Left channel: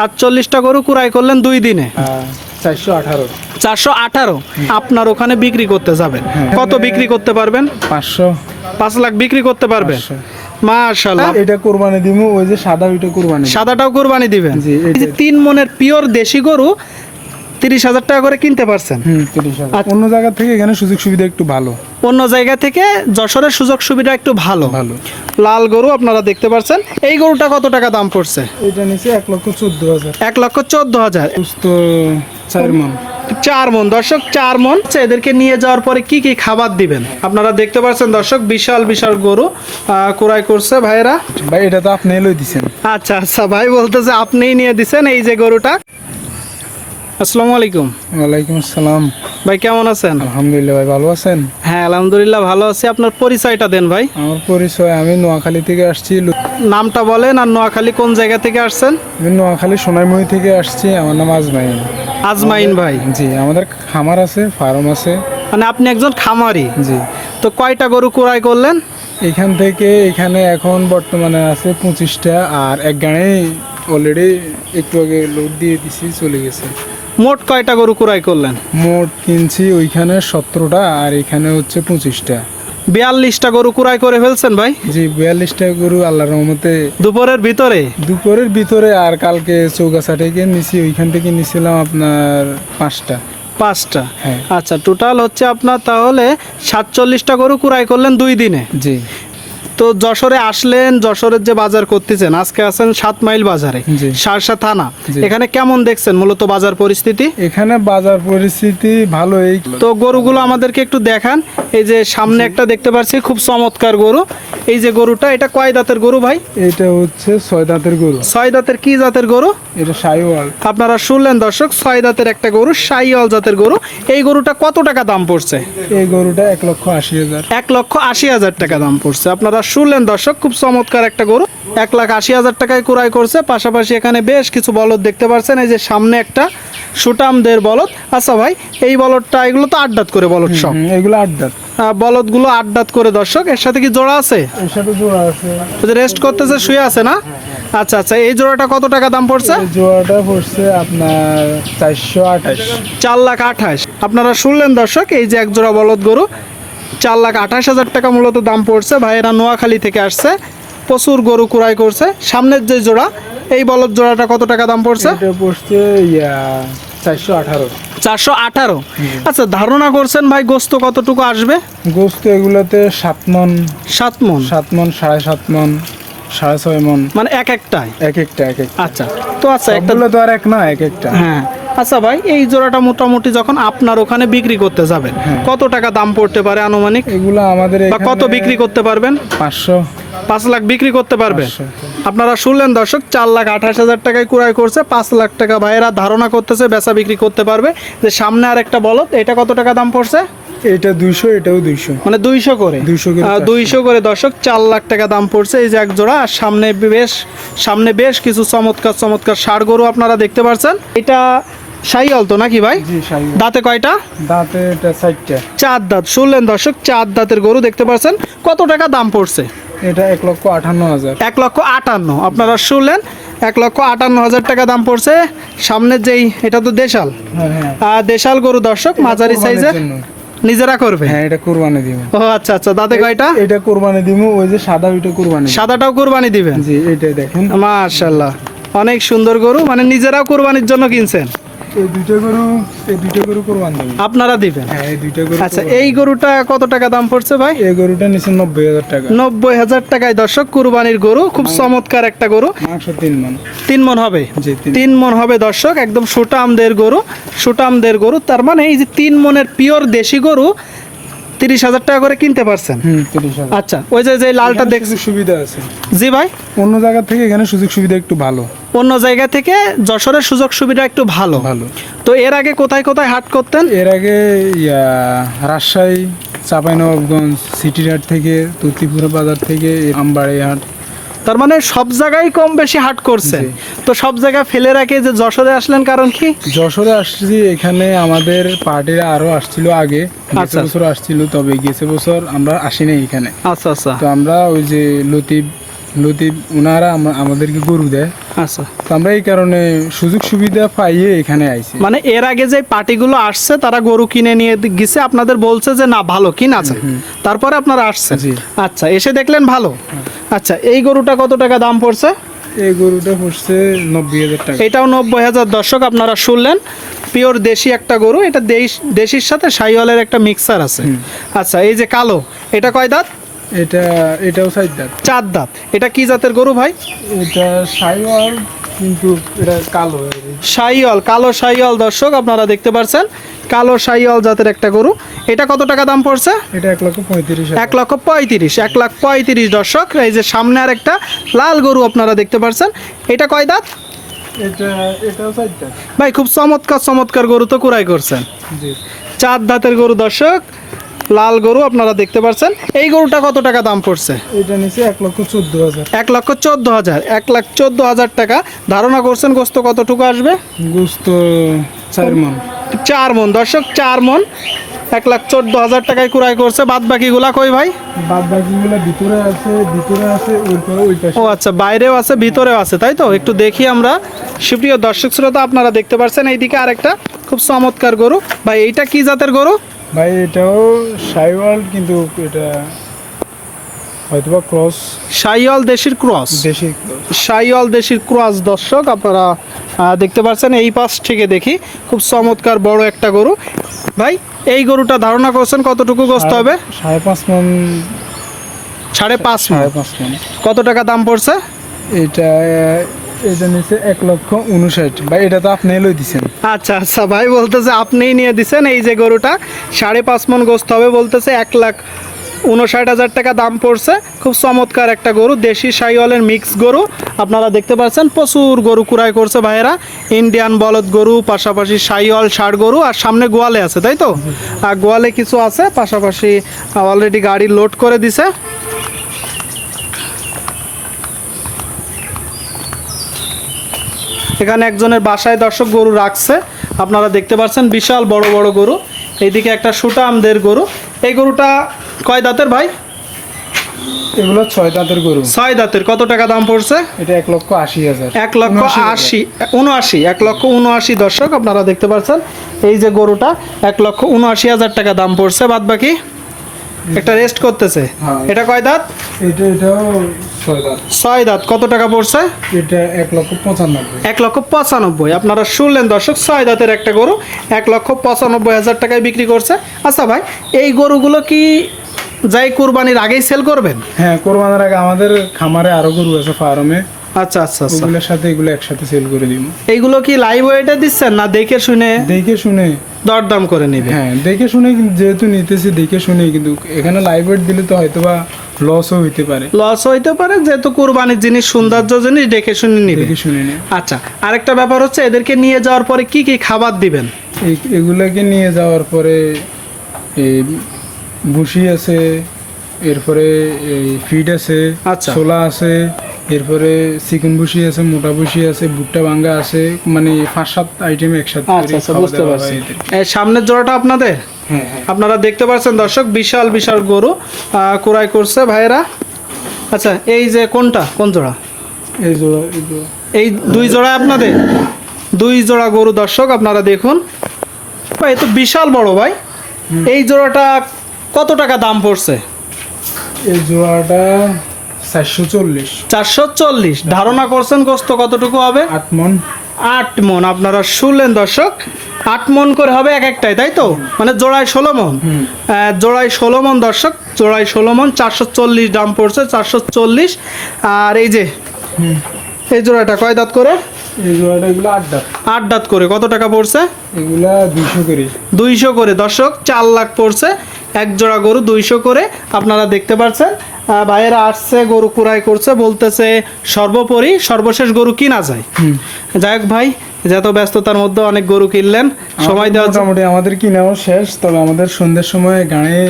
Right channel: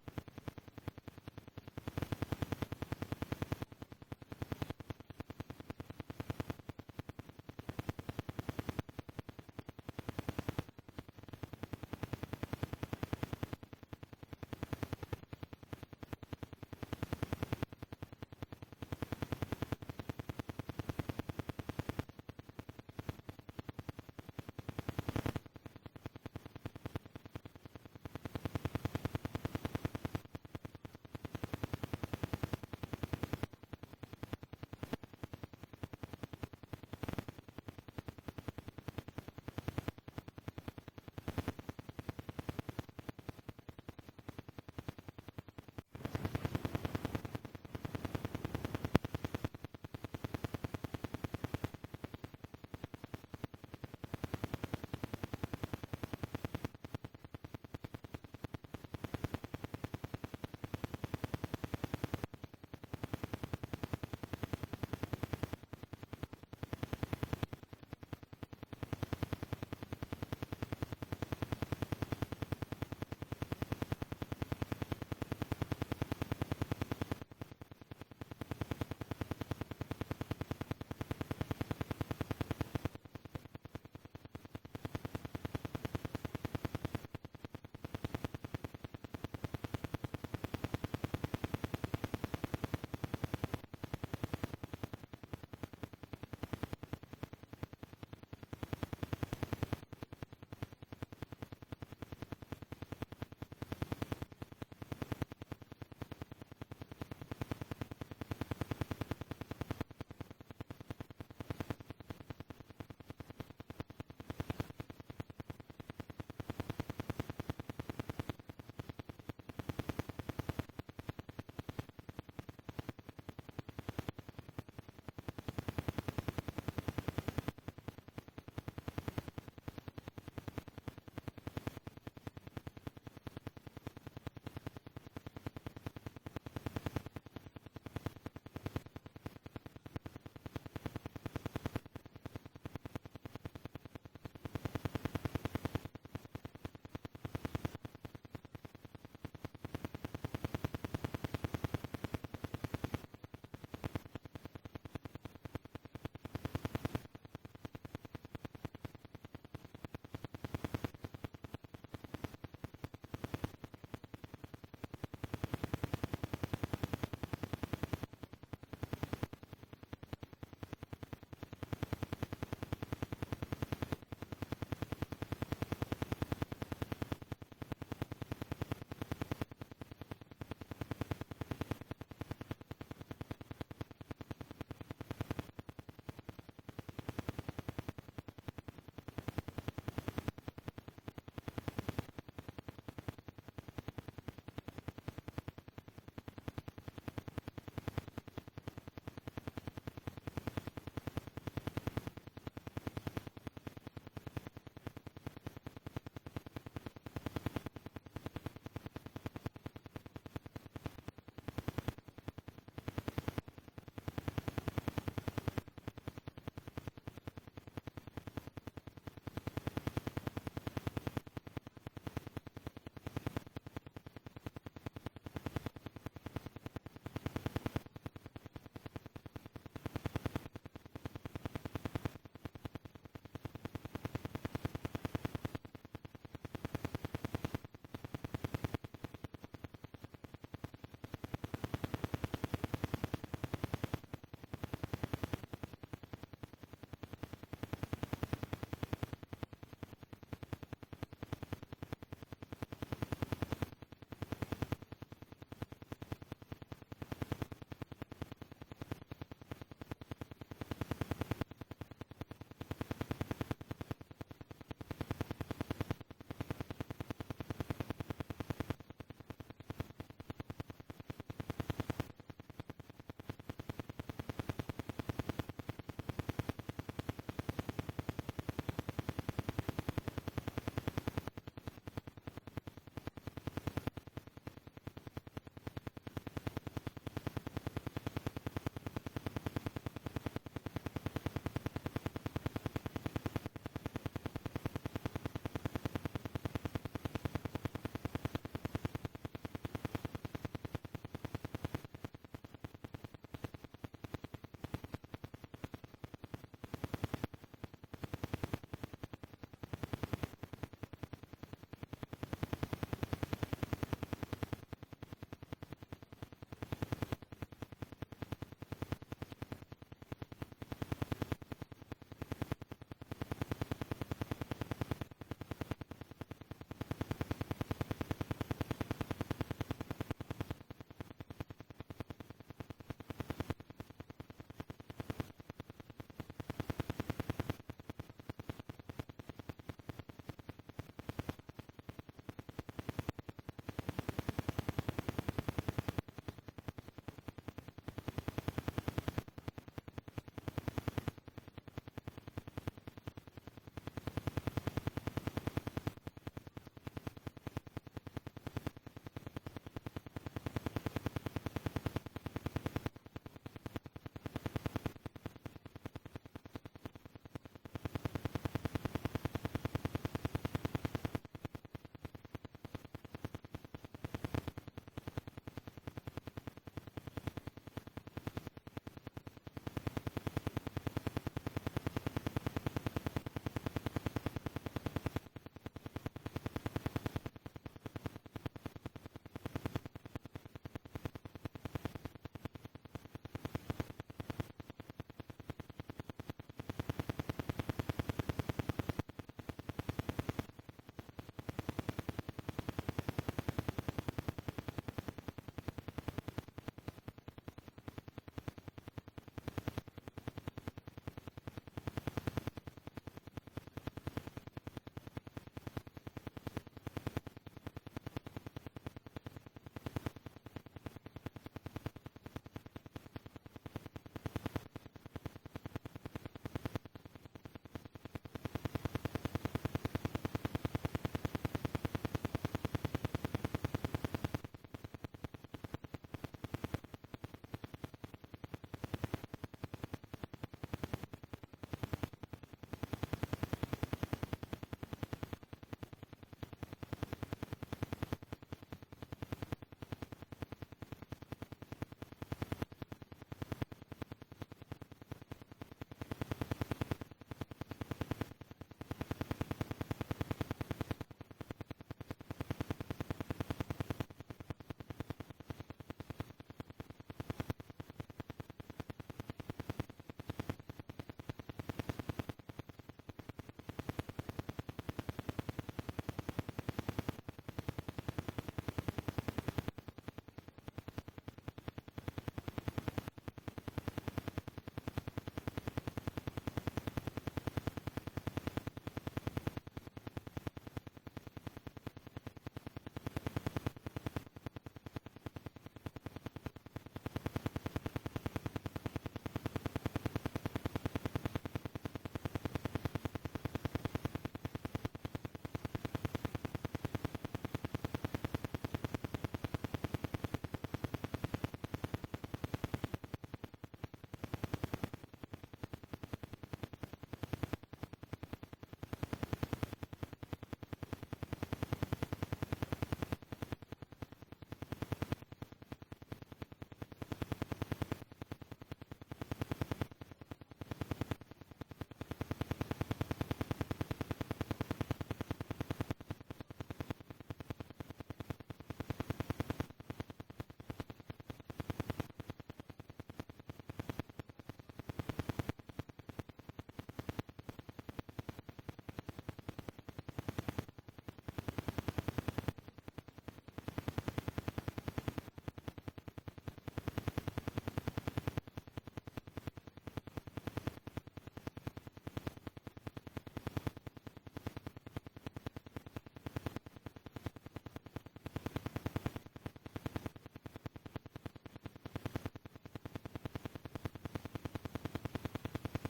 সাতচল্লিশটা গরু কুড়াই করলেন দুই দিনে। চারশো আঠারো। চারশো আঠারো? আপনার ওখানে বিক্রি করতে যাবেন। হ্যাঁ। কত বিক্রি করতে পারবেন? পাঁচশো। পাঁচ লাখ বিক্রি করতে পারবেন? পাঁচশো। মাশাল্লাহ এটা কুরবানি দিব ওই যে সাদা ওইটা কুরবানি। সাদাটাও কোরবানি দিবেন। জি, তিন মনের পিওর দেশি গরু তিরিশ হাজার টাকা করে কিনতে পারছেন। আচ্ছা। অন্য জায়গা থেকে এখানে সুযোগ সুবিধা একটু ভালো। অন্য জায়গা থেকে যশোরের সুযোগ সুবিধা একটু ভালো। ভালো। লাল গরু আপনারা দেখতে পাচ্ছেন এই গরুটা কত টাকা দাম পড়ছে? এটা নিচে এক লক্ষ চোদ্দ হাজার। এক লক্ষ চোদ্দ হাজার। চার মন। চার মন। দর্শক চার মন। আচ্ছা, এদেরকে নিয়ে যাওয়ার পরে কি কি খাবার দিবেন? আপনারা দেখতে পাচ্ছেন দর্শক বিশাল বিশাল গরু ক্রয় করছে ভাইয়েরা ভাই এটা তো আপনি এলোই দিছেন। আচ্ছা আচ্ছা ভাই বলতেছে আপনিই নিয়ে দিছেন এই যে গরুটা। আসসালামু আলাইকুম। ওয়ালাইকুম আসসালাম। ভাই কেমন আছেন? আলহামদুলিল্লাহ ভাই ভালো আছেন? হ্যাঁ আলহামদুলিল্লাহ ভালো আছি। আপনার পরিচয়টা দেন ভাই। আমার পরিচয় আমি নোয়াখালী থেকে আসছি নামটা বলেন আর নোয়াখালী কোন জায়গা থেকে আসছেন? আমি নোয়াখালী সোনাইমুড়ি থেকে আসছি আমার নাম আজমাইন। আজমাইন ভাই। জি আমাদের খামার আছে ফার্ম আছে। মানে আপনি একজন খামারি। জি। তো কয়টা গরু ক্রয় করলেন? এখান থেকে এখানে এখন বর্তমানে আছে পঁচিশটা আর এক গাড়ি অলরেডি একটু আগে লোড দিয়ে দিছি চলে গেছে। মোট কয়টা গরু ক্রয় করলেন? মোট কিনছি ওইখানে সতেরোটা আর এখানে হচ্ছে পঁচিশটা। বিয়াল্লিশটা গরু ক্রয় করে ফেলছেন ভাই? জি বিয়াল্লিশটা গরু আল্লাহর রহমতে। দুপুরের ভিতরে? দুপুরের ভিতরে আর কালকে চৌগাছা থেকে নিছি ওইখান থেকে নিছিলাম আপনার পাঁচটা। পাঁচটা? হ্যাঁ। আচ্ছা টোটাল হচ্ছে আপনার তাহলে সাতচল্লিশটা গরু ক্রয় করলেন দুই দিনে? জি। তো যশোরে আসলেন যশোরের যে বাজার করতেছেন আজকে আছেন সাত মাইল বাজারে। সারসা থানা। এখানে কেমন দেখছেন মূলত বাজার পরিস্থিতি? এখানে বাজার পরিস্থিতি ভালোই। তো গরুগুলো আমাদেরকে একটু দেখান। এই যে সামনে একটা দেখতে পাচ্ছি খুব চমৎকার গরু। এই যে গরুটা এটা কয় দাঁতের গরু ভাই? এটা হচ্ছে ছয় দাঁতের গরু। ছয় দাঁতের কি জাতের গরু? এটা সাইওয়াল। আপনারা শুনলেন দর্শক ছয় দাঁতের একটা গরু সাইওয়াল জাতের গরু। এই গরুটা কত টাকা দাম পড়ছে? এই গরুটা এক লক্ষ আশি হাজার। এক লক্ষ আশি হাজার টাকা দাম পড়ছে। আপনারা শুনলেন দর্শক খুব চমৎকার একটা গরু। এক লাখ আশি হাজার টাকায় ক্রয় করছে। পাশাপাশি এখানে বেশ কিছু বলদ দেখতে পাচ্ছেন এই যে সামনে একটা সুটামদের বলদ। আচ্ছা ভাই এই বলদটা এগুলো তো আড্ডাত করে বলদ সব। এগুলো আহ, বলদগুলো আট দাঁত করে দর্শক। এর সাথে কি জোড়া আছে? এর সাথে জোড়া আছে। রেস্ট করতেছে শুয়ে আছে না? আচ্ছা আচ্ছা এই জোড়াটা কত টাকা দাম পড়ছে? জোড়াটা পড়ছে আপনার চারশো আঠাশ। চার লাখ আঠাশ। আপনারা শুনলেন দর্শক এই যে এক জোড়া বলদ গরু। চার লাখ আঠাশ হাজার টাকা মূলত দাম পড়ছে। ভাইয়েরা নোয়াখালী থেকে আসছে। প্রচুর গরু কুড়াই করছে। সামনের যে জোড়া এই বলদ জোড়াটা কত টাকা দাম পড়ছে? পড়ছে চারশো আঠারো। চারশো আঠারো? আচ্ছা ধারণা করছেন ভাই গোস্ত কতটুকু আসবে? গোস্ত এগুলোতে সাত মন। সাত মন? সাত মন সাড়ে সাত মন সাড়ে ছয় মন। মানে এক একটাই এক একটা এক একটা। আচ্ছা তো আচ্ছা একটা তো আর এক না এক একটা। হ্যাঁ। আচ্ছা ভাই এই জোড়াটা মোটামুটি যখন আপনার ওখানে বিক্রি করতে যাবেন হ্যাঁ। কত টাকা দাম পড়তে পারে আনুমানিক? এগুলো আমাদের বা কত বিক্রি করতে পারবেন? পাঁচশো। পাঁচ লাখ বিক্রি করতে পারবে? আপনারা শুনলেন দর্শক চার লাখ আঠাশ হাজার টাকায় ক্রয় করছে পাঁচ লাখ টাকা ভাইয়েরা ধারণা করতেছে বেচা বিক্রি করতে পারবে। যে সামনে আর একটা বলদ এটা কত টাকা দাম পড়ছে? এটা দুইশো এটাও দুইশো। মানে দুইশো করে। 200 করে দুইশো করে দর্শক চার লাখ টাকা দাম পড়ছে এই যে এক জোড়া। আর সামনে বেশ সামনে বেশ কিছু চমৎকার চমৎকার ষাড় গরু আপনারা দেখতে পাচ্ছেন এটা সাইয়াল তো নাকি ভাই? দাঁতে কয়টা? দাঁতে এটা চার দাঁত। শুনলেন দর্শক চার দাঁতের গরু দেখতে পাচ্ছেন কত টাকা দাম পড়ছে? এটা এক লক্ষ আটান্ন হাজার। এক লক্ষ আটান্ন। আপনারা শুনলেন এক লক্ষ আটান্ন হাজার টাকা দাম পড়ছে। সামনের যেই এটা তো দেশাল। হ্যাঁ হ্যাঁ। দেশাল গরু দর্শক মাঝারি সাইজের। নিজেরা করবে? হ্যাঁ এটা কোরবানি দিব। ও আচ্ছা আচ্ছা। দাঁতে কয়টা? এটা কোরবানি দিব ওই যে সাদা ওইটা কোরবানি। সাদাটাও কোরবানি দিবেন? জি এটা দেখেন। মাশাল্লাহ। অনেক সুন্দর গরু মানে নিজেরাও কোরবানির জন্য কিনছেন। এই দুইটা গরু এই দুইটা গরু কোরবানি দিব। আপনারা দিবেন? হ্যাঁ এই দুইটা গরু আচ্ছা এই গরুটা কত টাকা দাম পড়ছে ভাই? এই গরুটা নিচে নব্বই হাজার টাকা। নব্বই হাজার টাকায় দর্শক কুরবানির গরু খুব চমৎকার একটা গরু। মাংস তিন মন। তিন মন হবে? তিন তিন মন হবে দর্শক একদম সুটামদের গরু। সুটামদের গরু তার মানে এই যে তিন মনের পিওর দেশি গরু তিরিশ হাজার টাকা করে কিনতে পারছেন? আচ্ছা ওই যে যে লালটা দেখছি সুবিধা আছে। জি ভাই? অন্য জায়গা থেকে এখানে সুযোগ সুবিধা একটু ভালো। অন্য জায়গা থেকে যশোরের সুযোগ সুবিধা একটু ভালো। ভালো। তো এর আগে কোথায় কোথায় হাট করতেন? এর আগে রাজশাহী চাঁপাইনবাবগঞ্জ সিটি হাট থেকে তুতিপুরা বাজার থেকে আমবাড়ি হাট তার মানে সব জায়গায় কম বেশি হাট করছেন জি। তো সব জায়গায় ফেলে রাখে যে যশোরে আসলেন কারণ কি? যশোরে আসছি এখানে আমাদের পার্টিরা আরও আসছিল আগে গেছে আচ্ছা। বছর আসছিল তবে গেছে বছর আমরা আসিনি এখানে। আচ্ছা আচ্ছা। তো আমরা ওই যে লতিফ নদী ওনারা আমাদেরকে গরু দেয়। আচ্ছা। তো আমরা এই কারণে সুযোগ সুবিধা পাইয়ে এখানে আইছি। মানে এর আগে যে পার্টিগুলো আসছে তারা গরু কিনে নিয়ে গেছে আপনাদের বলছে যে না ভালো কিনা আছে তারপরে আপনারা আসছেন। আচ্ছা এসে দেখলেন ভালো। আচ্ছা এই গরুটা কত টাকা দাম পড়ছে? এই গরুটা পড়ছে নব্বই হাজার টাকা। এটাও নব্বই হাজার দর্শক আপনারা শুনলেন। পিওর দেশি একটা গরু এটা দেশ দেশির সাথে সাইওয়ালের একটা মিক্সার আছে। আচ্ছা এই যে কালো এটা কয় দাঁত? এটা এটাও সাইড দাঁত। চার দাঁত। এটা কি জাতের গরু ভাই? এটা সাইওয়াল কিন্তু এটা কালো। সাইওয়াল কালো সাইওয়াল দর্শক আপনারা দেখতে পাচ্ছেন কালো সাইওয়াল জাতের একটা গরু। এটা কত টাকা দাম পড়ছে? এটা এক লক্ষ পঁয়ত্রিশ এক লক্ষ পঁয়ত্রিশ এক লাখ পঁয়ত্রিশ দর্শক। এই যে সামনে আর একটা লাল গরু আপনারা দেখতে পাচ্ছেন এটা কয় দাঁত? ভাই খুব চমৎকার চমৎকার গরু তো কুড়াই করছেন। চার দাঁতের গরু দর্শক। লাল গরু আপনারা দেখতে পাচ্ছেন এই গরুটা কত টাকা দাম পড়ছে? এটা নিচে এক লক্ষ চোদ্দ হাজার। এক লক্ষ চোদ্দ হাজার। এক লাখ চোদ্দ হাজার টাকা। ধারণা করছেন গোস্ত কতটুকু আসবে? গোস্ত চার মন। চার মন। দর্শক চার মন। এক লাখ চোদ্দ হাজার টাকায় কুড়াই করছে। বাদ বাকিগুলা কই ভাই? বাদ বাকিগুলো ভিতরে আছে ভিতরে আছে ও আচ্ছা বাইরেও আছে ভিতরেও আছে তাই তো? একটু দেখি আমরা। সুপ্রিয় দর্শক শ্রোতা আপনারা দেখতে পাচ্ছেন এইদিকে আরেকটা। খুব চমৎকার গরু। ভাই এইটা কি জাতের গরু? ভাই এটাও সাইওয়াল কিন্তু এটা হয়তোবা ক্রস। সাইওয়াল দেশির ক্রস? দেশি ক্রস। সাইওয়াল দেশির ক্রস দর্শক আপনারা দেখতে পাচ্ছেন এই পাশ থেকে দেখি। খুব চমৎকার বড় একটা গরু। ভাই এই গরুটা ধারণা করছেন কতটুকু গোস্ত হবে? সাড়ে পাঁচ মন। সাড়ে পাঁচ মণ। সাড়ে পাঁচ মন। কত টাকা দাম পড়ছে? এটা এক লক্ষ উনষাট। ভাই, এটা তো আপনি লই দিছেন। আচ্ছা আচ্ছা ভাই বলতেছে আপনিই নিয়ে এই যে গরুটা। সাড়ে পাঁচ মন গোস্ত হবে, বলতেছে এক লাখ উনষাট হাজার টাকা দাম পড়ছে। খুব চমৎকার একটা গরু, দেশি গরু। আপনারা দেখতে পাচ্ছেন, প্রচুর গরু কুড়াই করছে ভাইয়েরা। ইন্ডিয়ান বলদ গরু, পাশাপাশি সাইওয়াল ষাড় গরু, আর সামনে গোয়ালে আছে, তাই তো? আর গোয়ালে কিছু আছে, পাশাপাশি অলরেডি গাড়ি লোড করে দিছে। এখানে একজনের বাসায় দর্শক গরু রাখছে। আপনারা দেখতে পাচ্ছেন বিশাল বড় বড় গরু। এইদিকে একটা সুটামদের গরু। এই গরুটা কয় দাঁতের ভাই? এগুলো ছয় দাঁতের গরু। ছয় দাঁতের। কত টাকা দাম পড়ছে? এটা এক লক্ষ আশি হাজার। এক লক্ষ আশি উনআশি এক লক্ষ উনআশি দর্শক আপনারা দেখতে পাচ্ছেন। এই যে গরুটা এক লক্ষ উনআশি হাজার টাকা দাম পড়ছে। বাদ বাকি একটা রেস্ট করতেছে। হ্যাঁ। এটা কয় দাঁত? এটা এটাও ছয় দাঁত। ছয় দাঁত। কত টাকা পড়ছে? এটা এক লক্ষ পঁচানব্বই। এক লক্ষ পঁচানব্বই। আপনারা শুনলেন দর্শক ছয় দাঁতের একটা গরু এক লক্ষ পঁচানব্বই হাজার টাকায় বিক্রি করছে। আচ্ছা ভাই এই গরুগুলো কি যাই কুরবানির আগেই সেল করবেন? হ্যাঁ কোরবানের আগে আমাদের খামারে আরও গরু আছে ফার্মে। আচ্ছা আচ্ছা আচ্ছা। ওগুলোর সাথে এগুলো একসাথে সেল করে দিব। এইগুলো কি লাইভ ওয়েটে দিচ্ছেন না দেখে শুনে? দেখে শুনে দরদাম করে নেবে। হ্যাঁ দেখে শুনে যেহেতু নিতেছি দেখে শুনে কিন্তু এখানে লাইভ ওয়েট দিলে তো হয়তো বা লসও হইতে পারে। লস হইতে পারে যেহেতু কুরবানির জিনিস সৌন্দর্য জিনিস দেখে শুনে নিবে। দেখে শুনে নিয়ে আচ্ছা আরেকটা ব্যাপার হচ্ছে এদেরকে নিয়ে যাওয়ার পরে কি কি খাবার দিবেন? এগুলাকে নিয়ে যাওয়ার পরে এই ভুসি আছে এরপরে এই ফিড আছে আচ্ছা। ছোলা আছে এরপরে চিকেন ভুসি আছে মোটা ভুসি আছে ভুট্টা ভাঙ্গা আছে মানে পাঁচ সাত আইটেম একসাথে আচ্ছা আচ্ছা বুঝতে পারছি। সামনের জোড়াটা আপনাদের? হ্যাঁ হ্যাঁ। আপনারা দেখতে পাচ্ছেন দর্শক বিশাল বিশাল গরু ক্রয় করছে ভাইয়েরা। আচ্ছা এই যে কোনটা? কোন জোড়া? এই জোড়া এই দুই জোড়া আপনাদের? দুই জোড়া গরু দর্শক আপনারা দেখুন। ভাই তো বিশাল বড় ভাই। এই জোড়াটা কত টাকা দাম পড়ছে? এই জোড়াটা চারশো চল্লিশ। চারশো চল্লিশ। ধারণা করছেন গোস্ত কতটুকু হবে? আট মন। আট মন। আপনারা শুনলেন দর্শক আট মন করে হবে এক একটাই তাই তো? মানে জোড়ায় ষোলো মন। জোড়ায় ষোলো মন দর্শক জোড়ায় ষোলো মন চারশো চল্লিশ দাম পড়ছে চারশো চল্লিশ। আর এই যে এই জোড়াটা কয় দাঁত করে? এই জোড়াটা এগুলো আট দাঁত। আট দাঁত করে। কত টাকা পড়ছে? এগুলা দুইশো করে। দুইশো করে। দর্শক চার লাখ পড়ছে। এক জোড়া গরু দুইশো করে আপনারা দেখতে পাচ্ছেন ভাইয়েরা আসছে গরু কুড়াই করছে বলতেছে সর্বোপরি সর্বশেষ গরু কিনা যায়। যাই হোক ভাই যত ব্যস্ততার মধ্যে অনেক গরু কিনলেন সময় দেওয়া মোটামুটি আমাদের কিনাও শেষ তবে আমাদের সন্ধ্যের সময় গাড়ি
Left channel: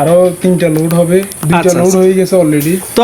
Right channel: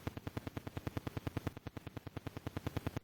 আরও তিনটা লোড হবে দুইটা আচ্ছা, লোড আচ্ছা। হয়ে গেছে অলরেডি তো